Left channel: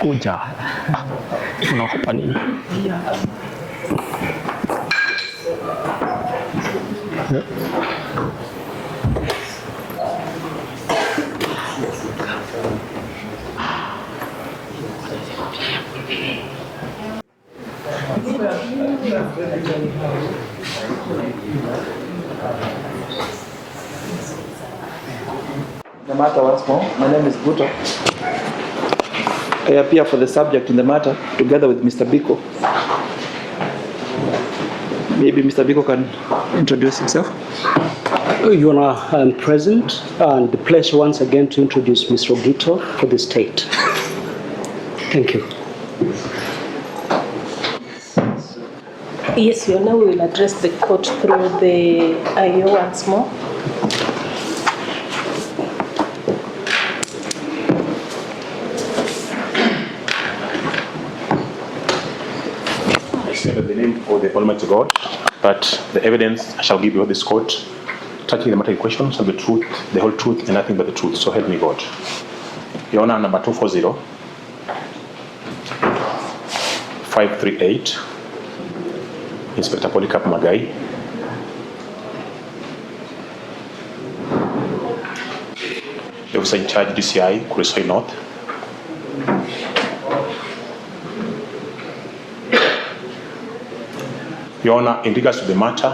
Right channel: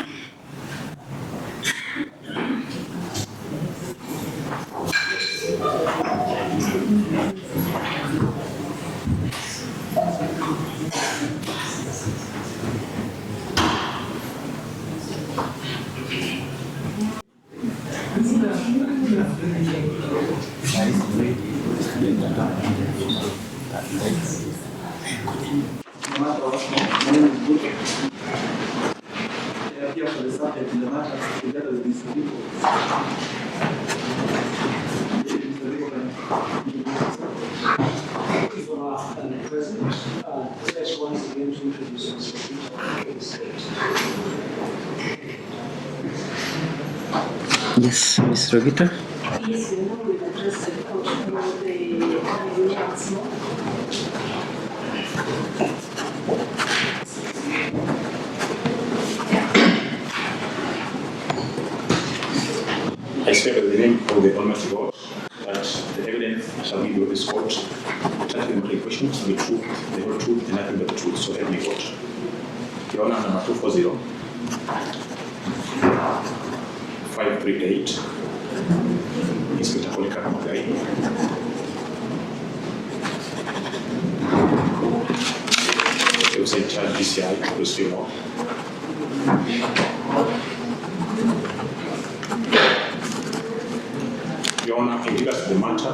Kuja. Unaogopa nini? The matter once more. My name is Buto. I appear for the subject in the matter together with Mr. Biko. Maybe Mr. Biko can introduce himself. Your Honor, I am present and the pleasure once again to introduce Mr. Ogito for the state. Thank you. Yes, Mr. Ogito. Yes, Your Honor, we will address the court through the IO once more. I speak of the name of the Almighty God, but the evidence I shall give you this court, tackling the matter in question, shall be truth, the whole truth, and nothing but the truth. So help me God. Your Honor, number 240, 538, Inspector Polycarp Magai. Officer in charge, DCI, Kuresoi North. Your Honor, in regards to the matter,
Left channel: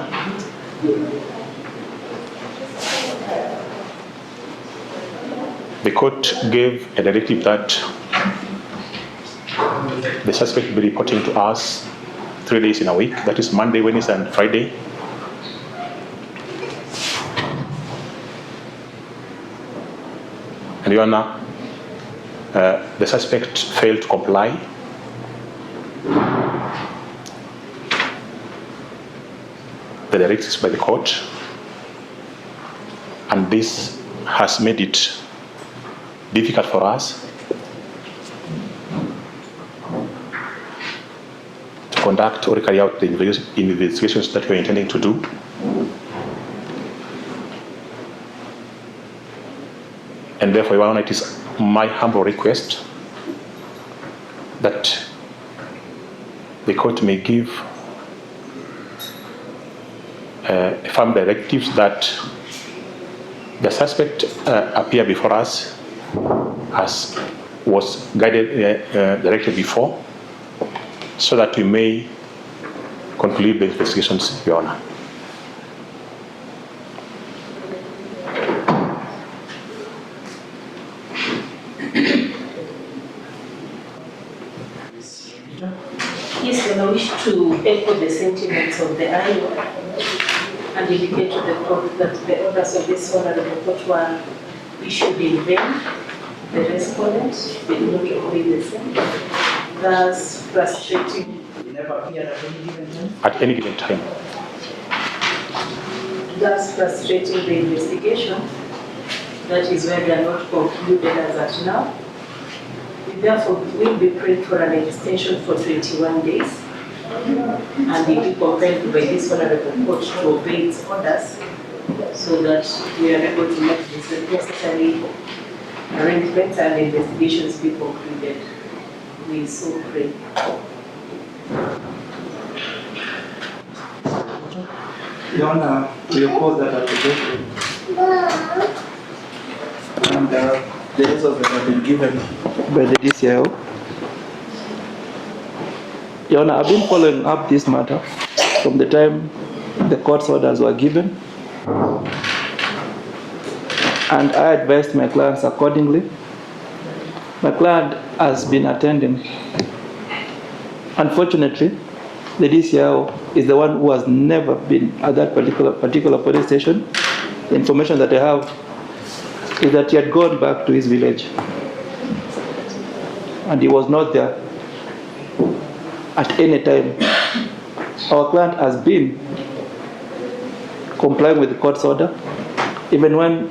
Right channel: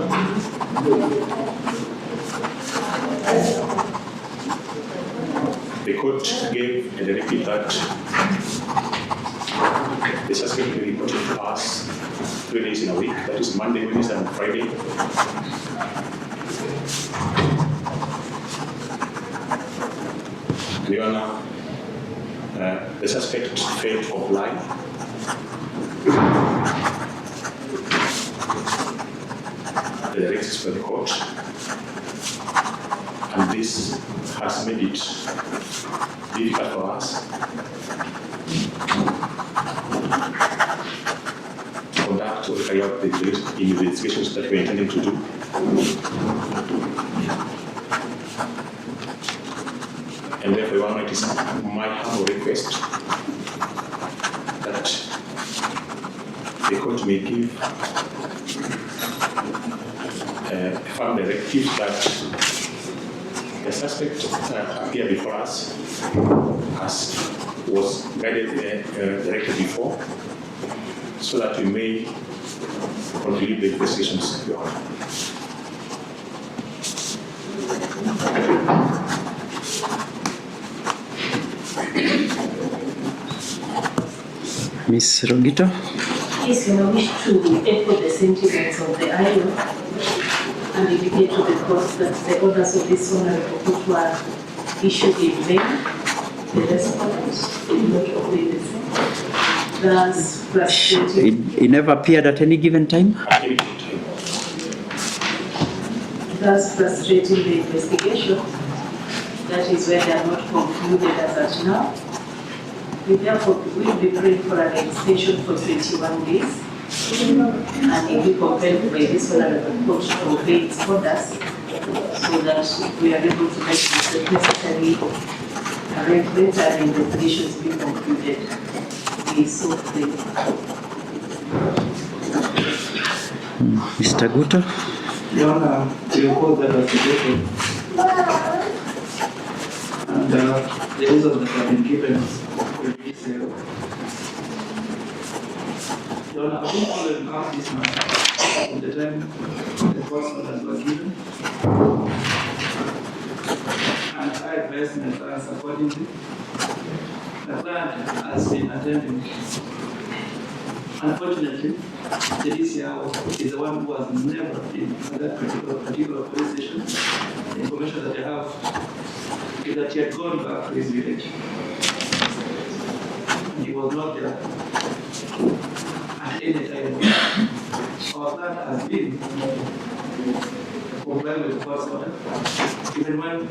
the court gave a directive that the suspect will be reporting to us 3 days in a week, that is Monday, Wednesday, and Friday. And Your Honor, the suspect failed to comply. The directives by the court, and this has made it difficult for us to conduct or carry out the investigations that we are intending to do. And therefore, Your Honor, it is my humble request that the court may give firm directives that the suspect appear before us as was guided, directed before, so that we may conclude the investigations, Your Honor. Ms. Rogito. Yes, Your Honor, I wish to echo the sentiments of the IO and indicate to the court that the orders of this honorable court were issued in vain. The respondent did not obey the same. thus frustrating, It never appeared at any given time? At any given time. thus frustrating the investigation. That is where they are not concluded as at now. We therefore will be praying for an extension for 21 days. And if we compelled by this honorable court to obey its orders, so that we are able to make the necessary arrangements and investigations be concluded. We so pray. Mr. Guto? Your Honor, we oppose that application. And the results that have been given by the DCIO. Your Honor, I've been following up this matter from the time the court's orders were given. And I advised my clients accordingly. My client has been attending. Unfortunately, the DCIO is the one who has never been at that particular police station. The information that I have is that he had gone back to his village. And he was not there at any time. Our client has been complying with the court's order, even when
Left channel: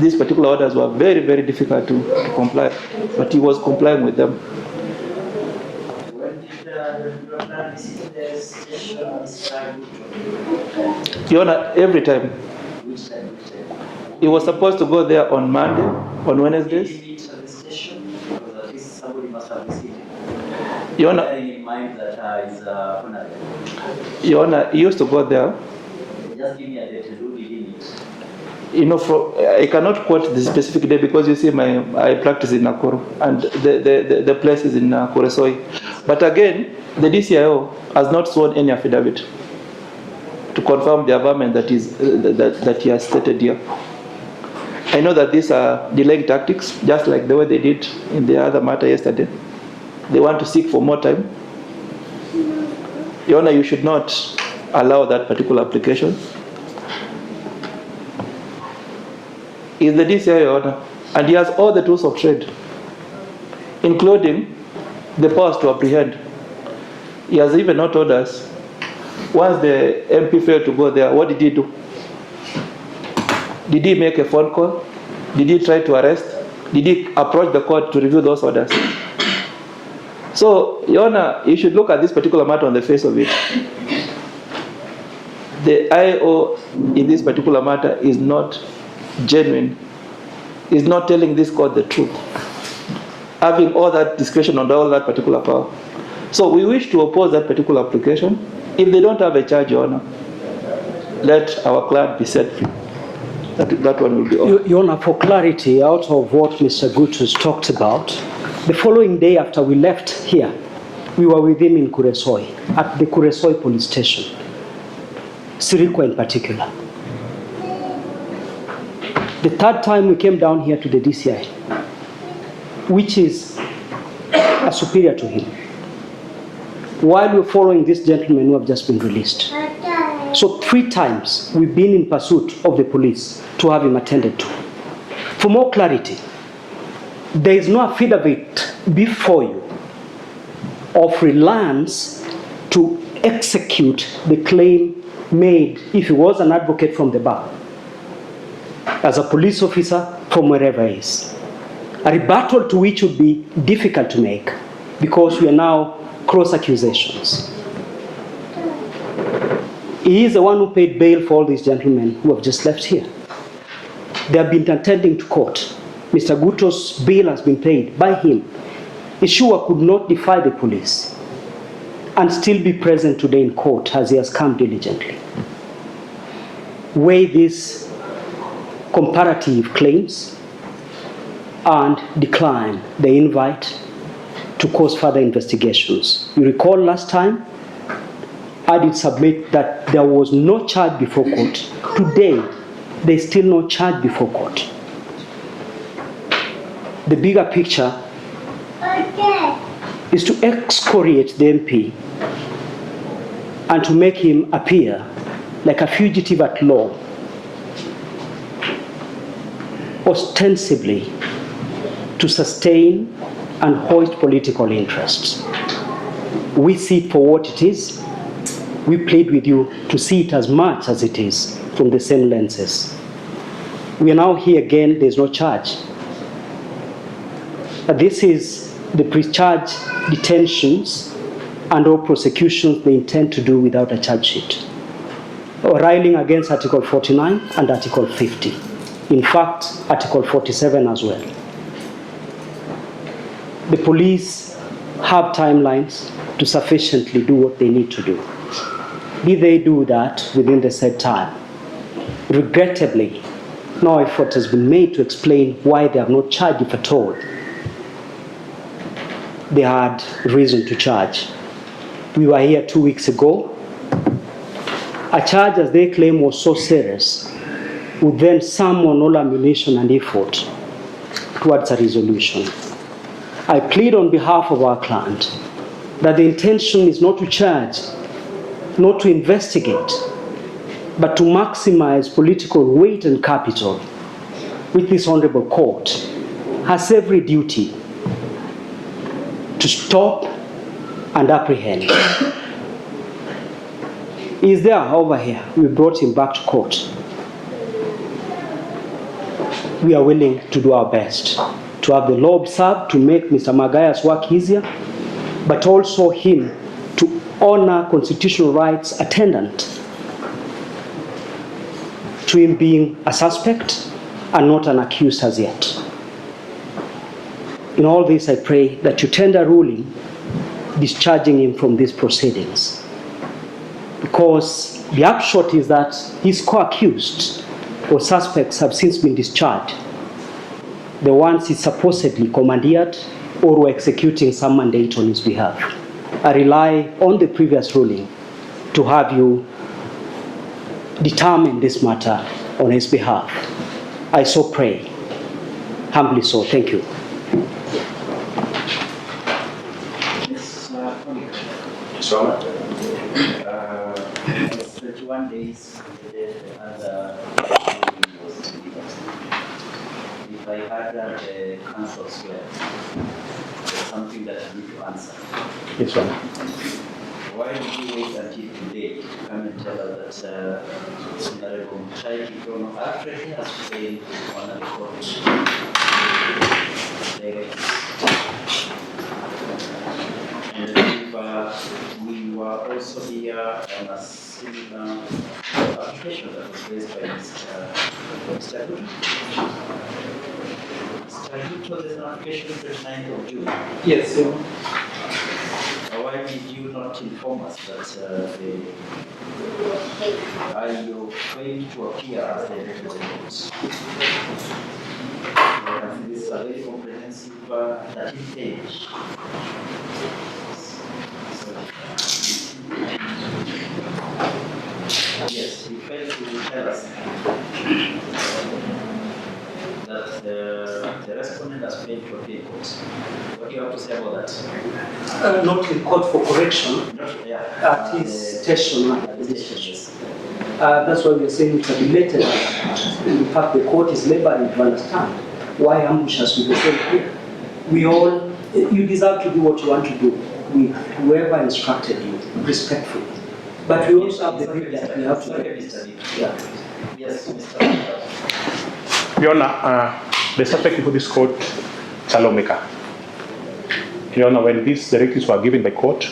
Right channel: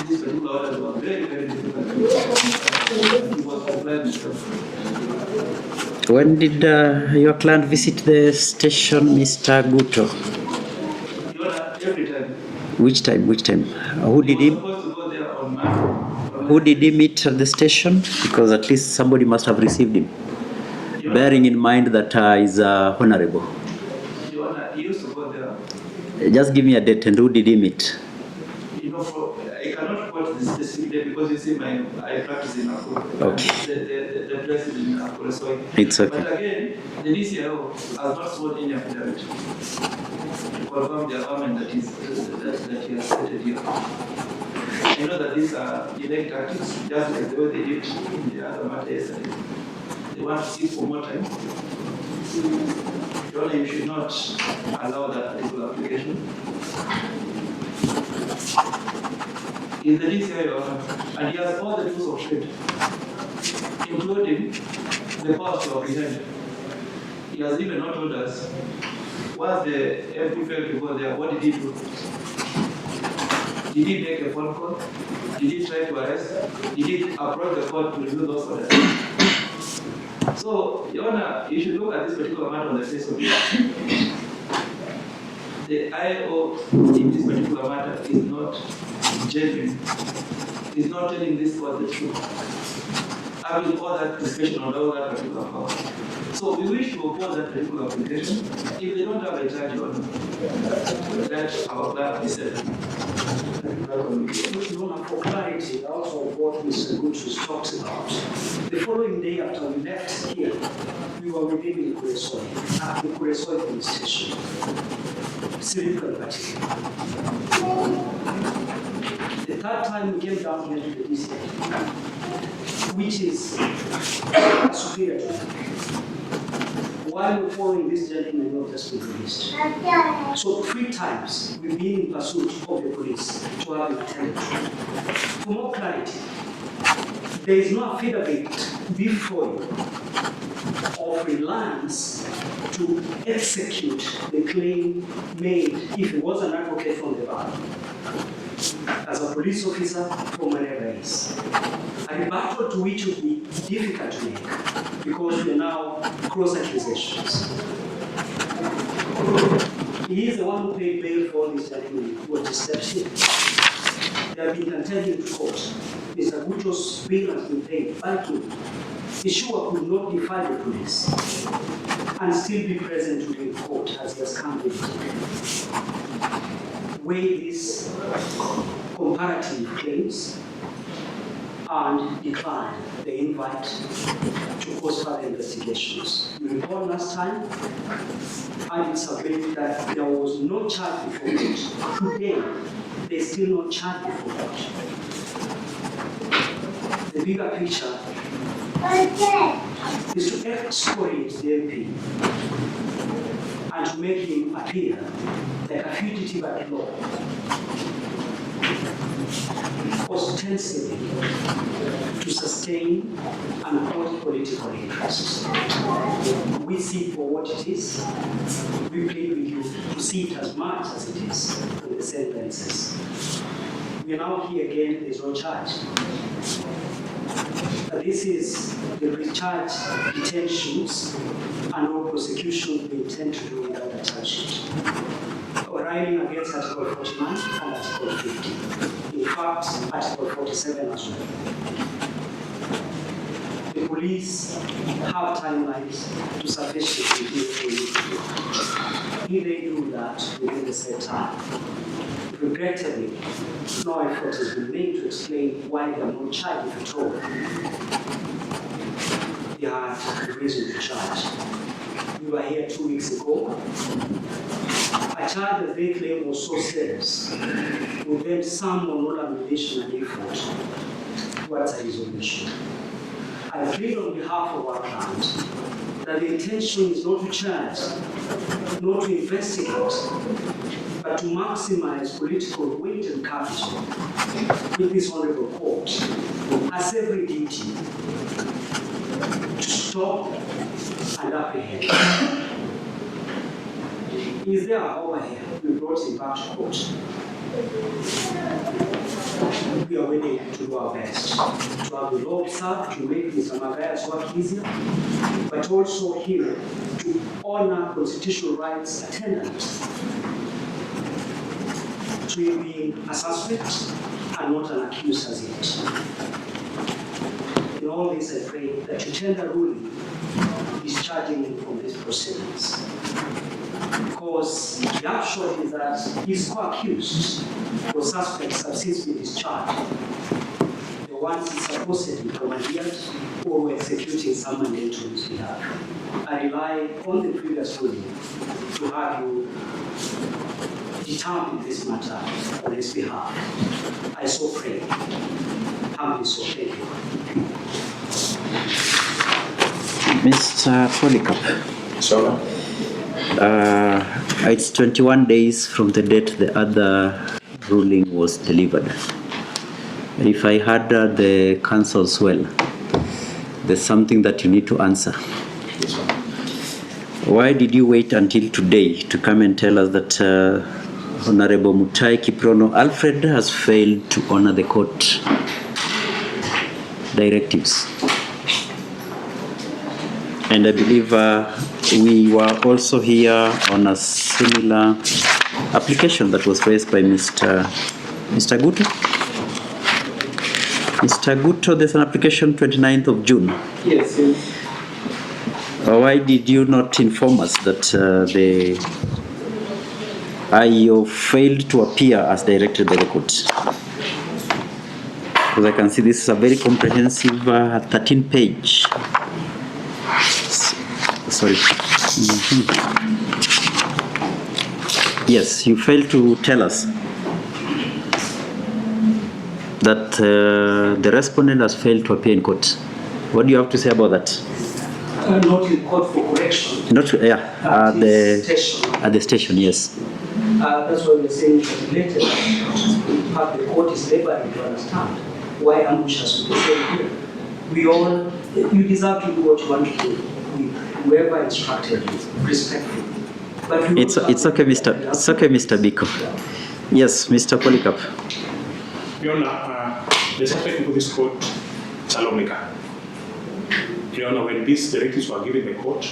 these particular orders were very, very difficult to comply, but he was complying with them. When did your client visit the station, Mr. Guto? Your Honor, every time. Which time? He was supposed to go there on Monday, on Wednesday. Who did he meet at the station? Because at least somebody must have received him. Your Honor, bearing in mind that is honorable. Your Honor, he used to go there. Just give me a date, and who did he meet? You know, I cannot quote the specific day because you see, I practice in Nakuru, and the place is in Kuresoi. It's okay. But again, the DCIO has not sworn any affidavit to confirm the averment that he has stated here. I know that these are delaying tactics, just like the way they did in the other matter yesterday. They want to seek for more time. Your Honor, you should not allow that particular application. In the DCIO, Your Honor, and he has all the tools of trade, including the powers to apprehend. He has even not told us, once the MP failed to go there, what did he do? Did he make a phone call? Did he try to arrest? Did he approach the court to review those orders? So, Your Honor, you should look at this particular matter on the face of it. The IO in this particular matter is not genuine, is not telling this court the truth, having all that discretion on all that particular power. So we wish to oppose that particular application. If they don't have a charge, Your Honor, let our client be set free. That one will be all. Your Honor, for clarity, out of what Mr. Gutus talked about, the following day after we left here, we were with him in Kuresoi, at the Kuresoi police station, Sirikwa in particular. The third time we came down here to the DCI, which is a superior to him, while we're following this gentleman who have just been released. So 3 times we've been in pursuit of the police to have him attended to. For more clarity, there is no affidavit before you of reliance to execute the claim made if he was an advocate from the bar, as a police officer from wherever he is. A rebuttal to which would be difficult to make because we are now cross accusations. He is the one who paid bail for all these gentlemen who have just left here. They have been attending to court. Mr. Guto's bail has been paid by him. Ishua could not defy the police and still be present today in court as he has come diligently. Weigh these comparative claims and decline the invite to cause further investigations. You recall last time, I did submit that there was no charge before court. Today, there is still no charge before court. The bigger picture is to excoriate the MP and to make him appear like a fugitive at law, ostensibly to sustain and hoist political interests. We see it for what it is. We plead with you to see it as much as it is from the same lenses. We are now here again, there's no charge. This is the pre-charge detentions and all prosecutions they intend to do without a charge sheet. Railing against Article 49 and Article 50. In fact, Article 47 as well. The police have timelines to sufficiently do what they need to do. If they do that within the set time, regrettably, no effort has been made to explain why they have not charged, if at all they had reason to charge. We were here 2 weeks ago. A charge, as they claim, was so serious, would then summon all ammunition and effort towards a resolution. I plead on behalf of our client that the intention is not to charge, not to investigate, but to maximize political weight and capital, which this honorable court has every duty to stop and apprehend. He is there over here. We brought him back to court. We are willing to do our best to have the law observed, to make Mr. Magaya's work easier, but also him to honor constitutional rights attendant to him being a suspect and not an accused as yet. In all this, I pray that you tender a ruling discharging him from these proceedings. Because the upshot is that his co-accused or suspects have since been discharged. The ones he supposedly commandeered or were executing some mandate on his behalf. I rely on the previous ruling to have you determine this matter on his behalf. I so pray, humbly so. Thank you. Mr. Polycarp. So, it's 21 days from the date the other ruling was delivered. If I heard the counsels well, there's something that you need to answer. yes, sir. Why did you wait until today to come and tell us that Honorable Mutai Kiprono Alfred has failed to honor the court directives? And I believe we were also here on a similar application that was raised by Mr. Guto. Mr. Guto, there's an application 29th of June. Yes. But why did you not inform us that the IEO failed to appear as directed by the court? Because I can see this is a very comprehensive 13-page. Sorry. Yes, you failed to tell us that the respondent has failed to appear in court. What do you have to say about that? Not in court for correction. Not, yeah, At the station. At the station, yes. That's why we're saying it related. In fact, the court is laboring to understand why ambush has to be said here. We all, you deserve to do what you want to do. Whoever instructed you, respectfully. But it's okay, Mr. Biko. Yeah. Yes, Mr. Polycarp. Your Honor, the suspect before this court, Chalomeka. Your Honor, when these directives were given by court,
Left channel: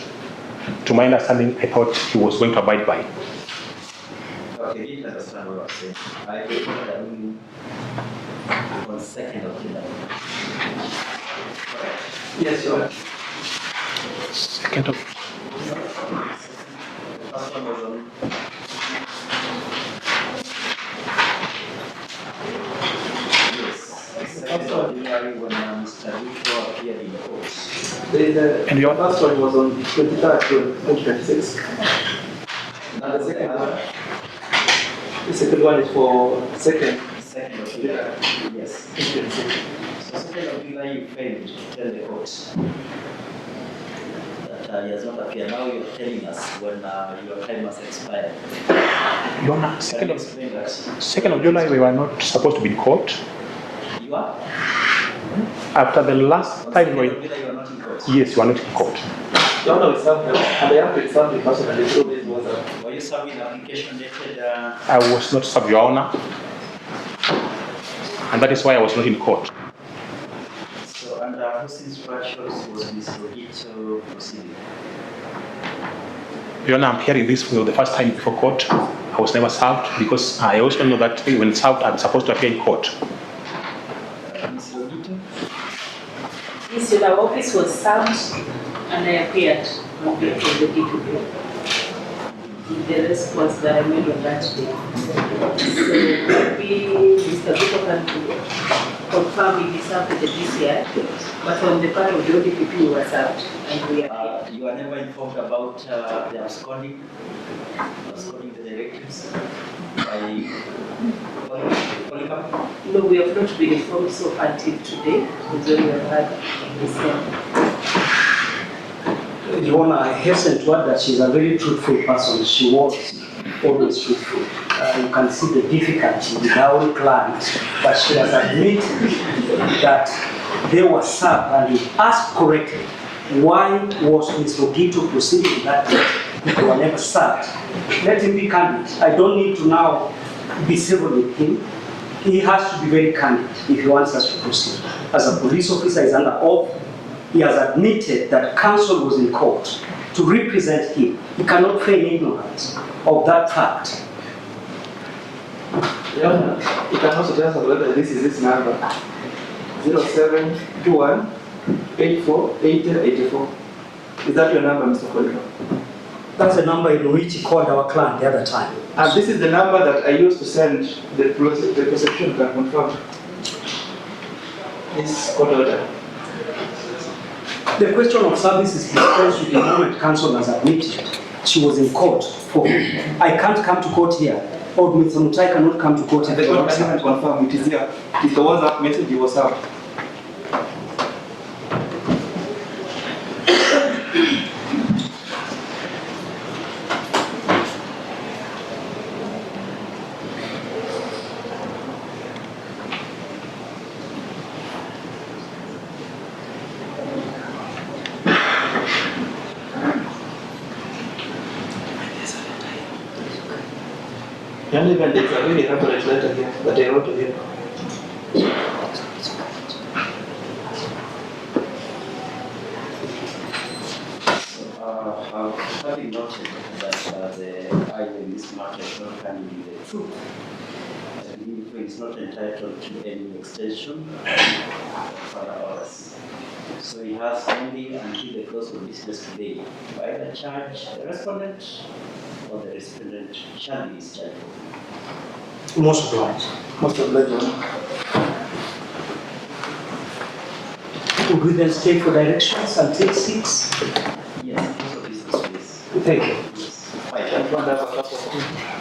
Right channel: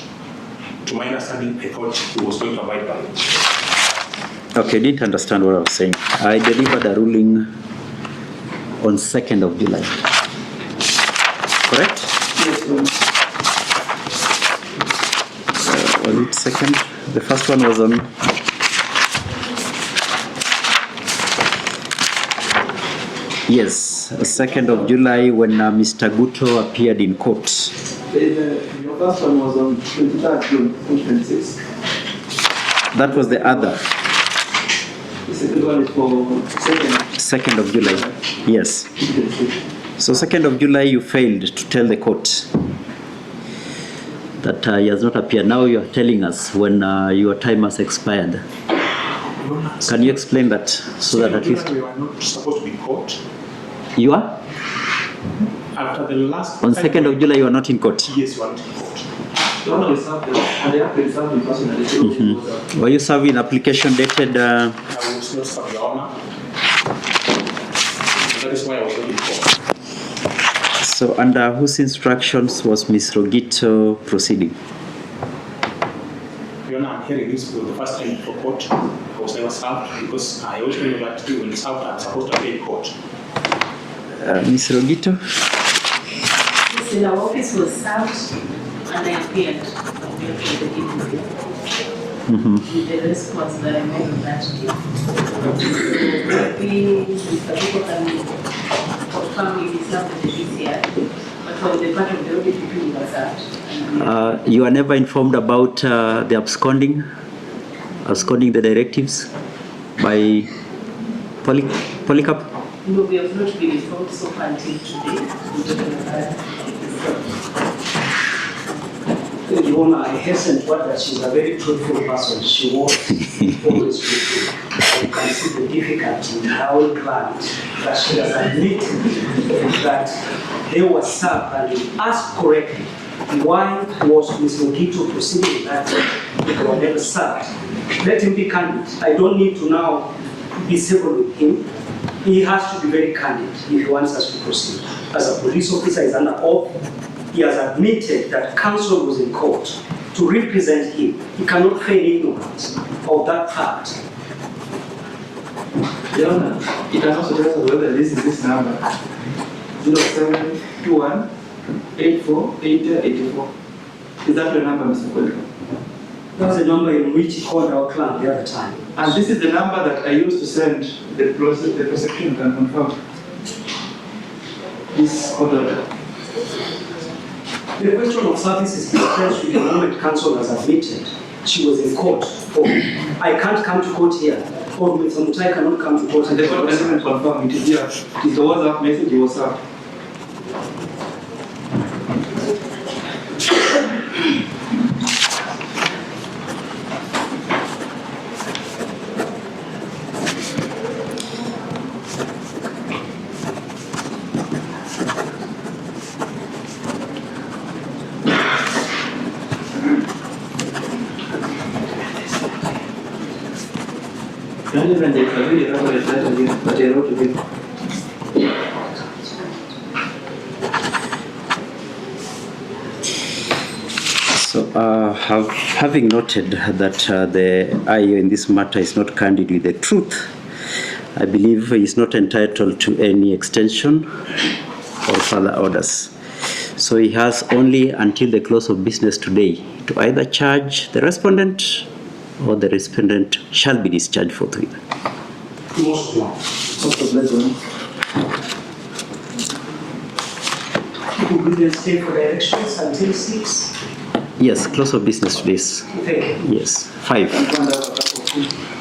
to my understanding, I thought he was going to abide by it. Okay, didn't understand what I was saying. I delivered a ruling on 2nd of July. Correct? Yes, Your Honor. Was it second? The first one was on. Yes, 2nd of July when Mr. Guto appeared in court. And your first one was on 23rd June 2026. That was the other. The second one is for 2nd of July. Yes. So 2nd of July you failed to tell the court that he has not appeared. Now you are telling us when your time has expired. Your Honor, Can you explain that? So that 2nd of at July, least- we were not supposed to be in court. You are? After the last On time 2nd of July you are not in court. Yes, you are not in court. Your Honor, we served them, and they have been served in person, and they told me it was served. Were you serving application dated? I was not served, Your Honor, and that is why I was not in court. So under whose instructions was Ms. Rogito proceeding? Your Honor, I'm hearing this for the first time before court. I was never served because I also know that when served, I'm supposed to appear in court. Ms. Rogito? Yes, my office was served and I appeared on behalf of the DPP. The rest was that I made on that day. So maybe Mr. Vito can confirm if he served at the DCIO, but on the part of the DPP we were served. And we You are never informed about the absconding the directives by Polycarp? no, we have not been informed so far until today. When we had Your Honor, I hasten to add that she's a very truthful person. She was always truthful. You can see the difficulty in her own client that she has admitted that they were served, and he asked correctly, why was Ms. Rogito proceeding that day? They were never served. Let him be candid. I don't need to now be civil with him. He has to be very candid if he wants us to proceed. As a police officer, he's under oath. He has admitted that counsel was in court to represent him. He cannot feign ignorance of that fact. Your Honor, you can also tell us whether this is this number, 0721 84 80 84. Is that your number, Mr. Polycarp? That's the number in which he called our client the other time. And this is the number that I used to send the prosecution can confirm this court order. The question of service is expressed with the moment counsel has admitted she was in court. I can't come to court here, or Mr. Mutai cannot come to court. And the court can even confirm it is here. It's the WhatsApp message he was served. Gentlemen, there's a very reference letter here that I wrote to him. So, having noted that the IO in this matter is not candid with the truth, I believe he is not entitled to any extension or further orders. So he has only until the close of business today to either charge the respondent or the respondent shall be discharged forthwith. Most obliged. Most obliged. Would we then stay for directions until 6? Yes, close of business please. Thank you. Yes, 5.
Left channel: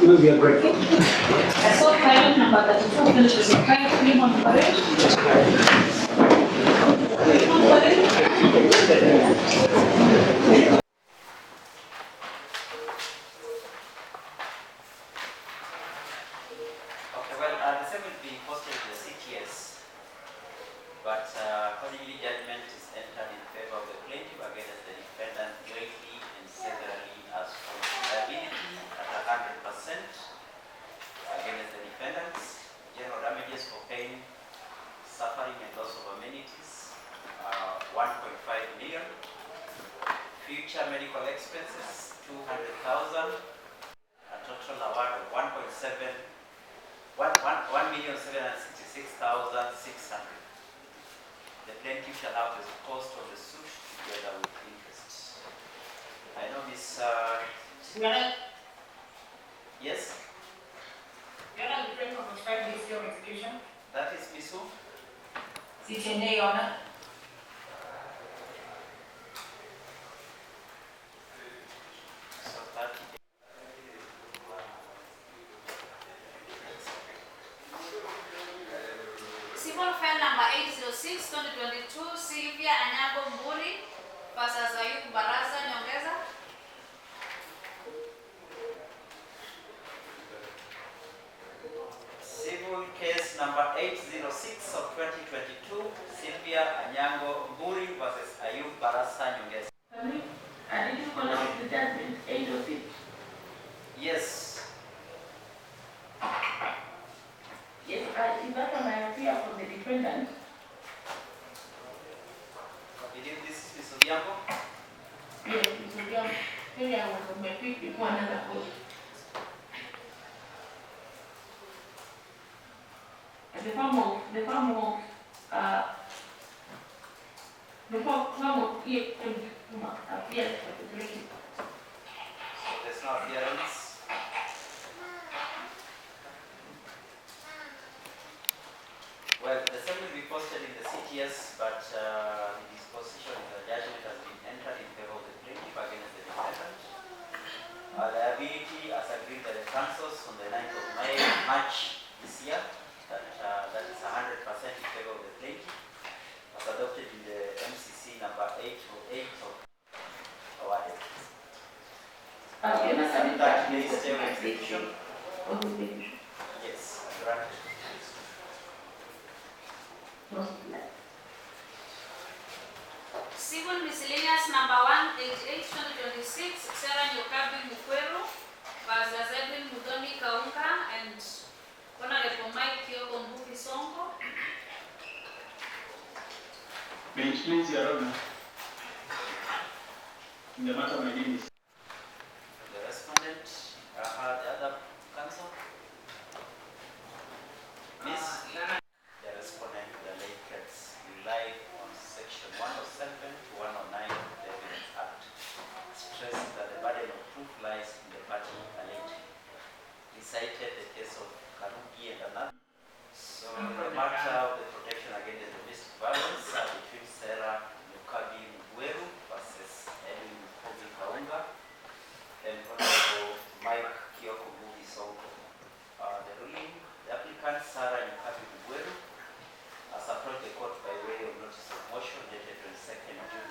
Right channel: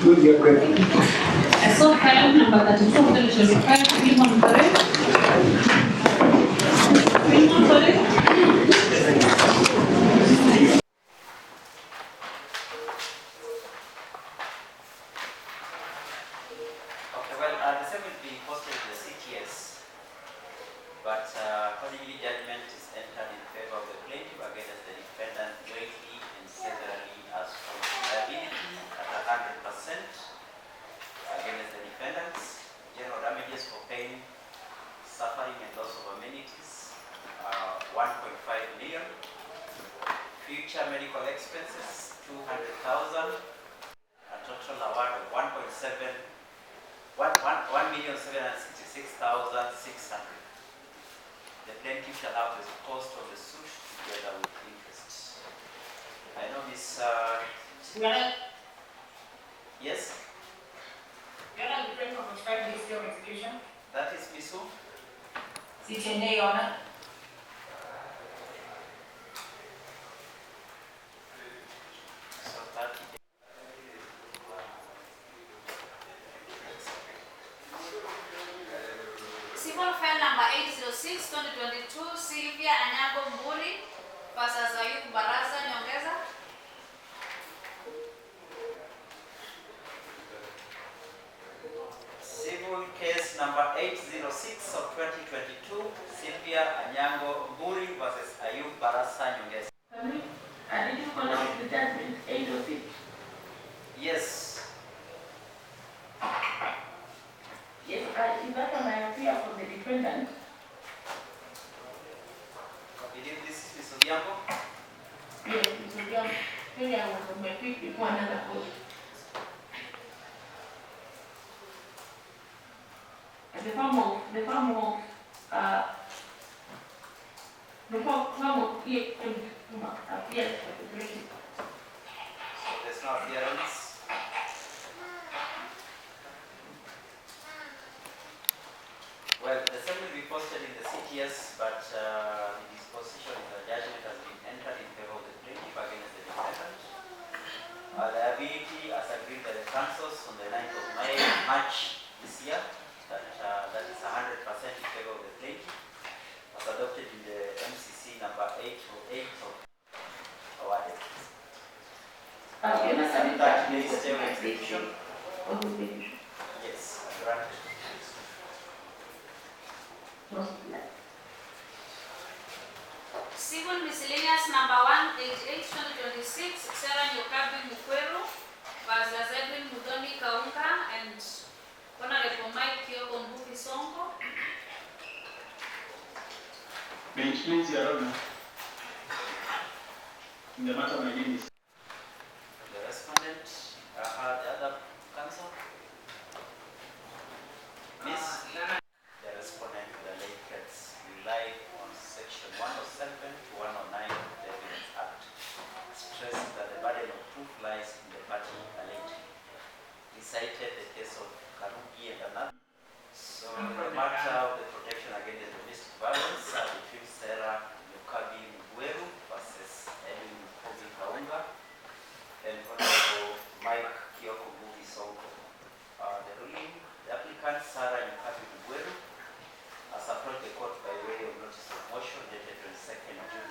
It will be a great one. I saw file number 34, 2025, William Mutai. Okay, well, the same will be posted to the CTS, but accordingly judgment is entered in favor of the plaintiff against the defendant jointly and severally as from liability at 100% against the defendants, general damages for pain, suffering and loss of amenities, 1.5 million, future medical expenses, 200,000, a total award of 1,766,600. The plaintiff shall have the cost of the suit together with interest. I know Miss. Yes. You're not the frame of 5 days of execution. That is Miss who? CTNA, Your Honor. So 30 days. Civil file number 806, 2022, Sylvia Anyago Mburi versus Ayub Barasa Nyongeza. Civil case number 806 of 2022, Sylvia Anyango Mburi versus Ayub Barasa Nyongeza. I Yes. Yes, in that one I appear for the defendant. I believe this is Ms. Odhiambo. Yes, Mr. John. Maybe I was on my feet before another court. And the form of EM appears for the jury. So there's no appearance. Well, the same will be posted in the CTS, but the disposition of the judgment has been entered in favor of the plaintiff against the defendant. Liability as agreed by the councils on the 9th of March this year, that is 100% in favor of the plaintiff, as adopted in the MCC number 808 of awarded. That may stay with execution. Yes, granted. Civil miscellaneous number 188/2026, Sarah Nyokabi Mukweru versus Edwin Mudoni Kaunga and Honorable Mike Kihika Sudi. Bench, please, Your Honor. In the matter, my name is. The respondent, the other counsel. Miss, the respondent, the late case, relied on section 107 to 109 of the Evidence Act, stressing that the burden of proof lies in the party alleged. He cited the case of Karugi and another. So the matter of the protection against domestic violence between Sarah Nyokabi Mukweru versus Edwin Mudoni Kaunga and Honorable Mike Kihika Sudi. The ruling, the applicant Sarah Nyokabi Mukweru has approached the court by way of notice of motion dated 22nd June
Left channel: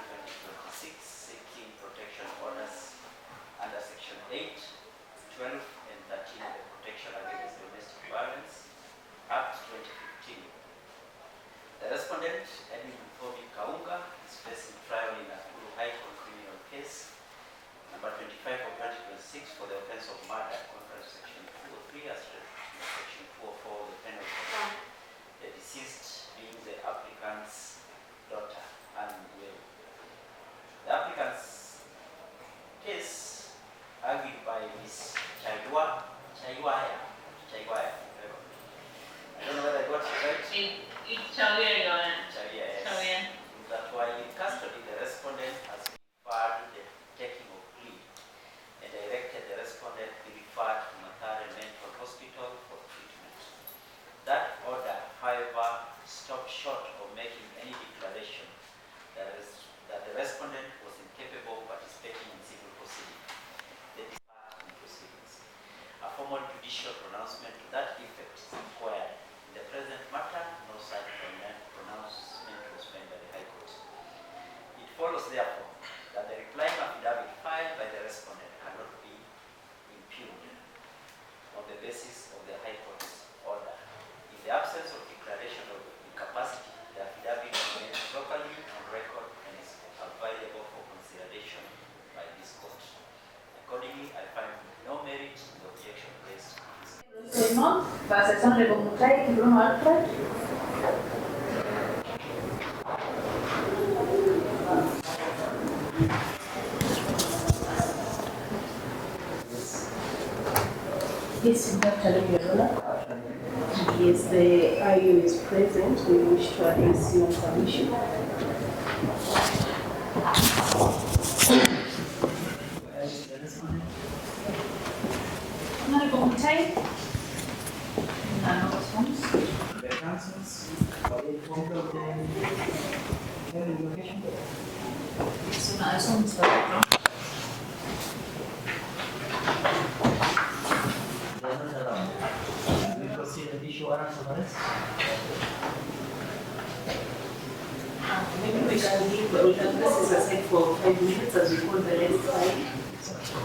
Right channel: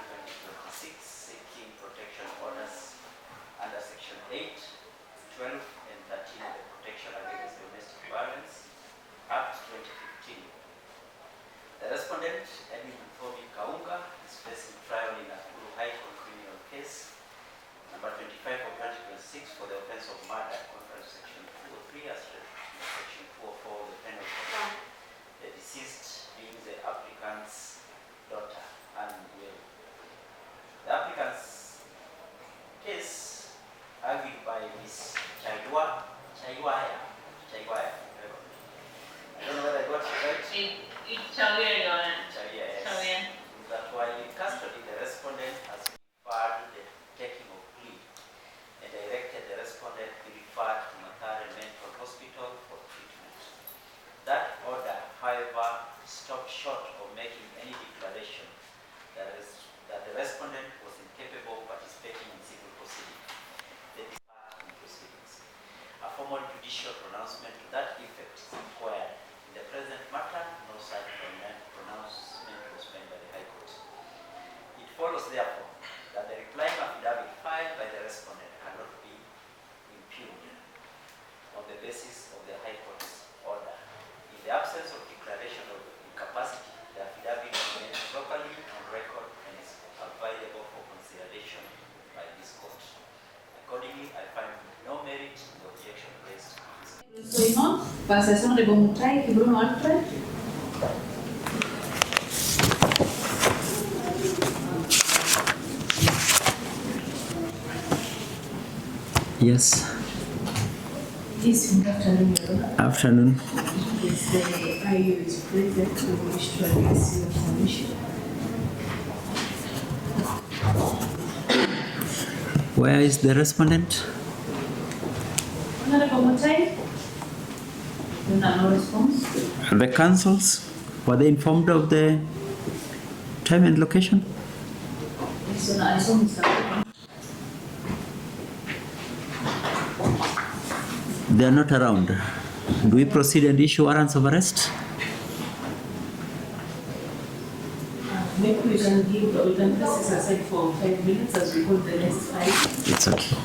2026, seeking protection orders under section 8, 12, and 13 of the Protection Against Domestic Violence Act 2015. The respondent, Edwin Mudoni Kaunga, is facing trial in a High Court criminal case number 25 of 2026 for the offense of murder, contrary to section 203 as section 204 of the penal code. The deceased being the applicant's daughter and will. The applicant's case argued by Ms. Chaiwaya. I don't know whether I got it right. It's Chawia, Your Honor. Yes. Chawia. That while in custody, the respondent has referred the taking of plea and directed the respondent be referred to Mathare Mental Hospital for treatment. That order, however, stopped short of making any declaration that the respondent was incapable of participating in civil proceedings. They deferred in proceedings. A formal judicial pronouncement to that effect is required. In the present matter, no such pronouncement was made by the High Court. It follows, therefore, that the replying affidavit filed by the respondent cannot be impugned on the basis of the High Court's order. In the absence of declaration of incapacity, the affidavit remains properly on record and is available for consideration by this court. Accordingly, I find no merit in the objection raised. Versus Honorable Mutai, Kihika Alfred. Yes. Yes, good afternoon, Your Honor. Afternoon. Yes, the IU is present. We wish to address you on some issue. Where is the respondent? Honorable Mutai? No response. The councils, were they informed of the time and location? Yes, Your Honor, I saw Mr. Walker. They are not around. Do we proceed and issue warrants of arrest? Maybe we can place this aside for 5 minutes as we hold the next slide. It's okay.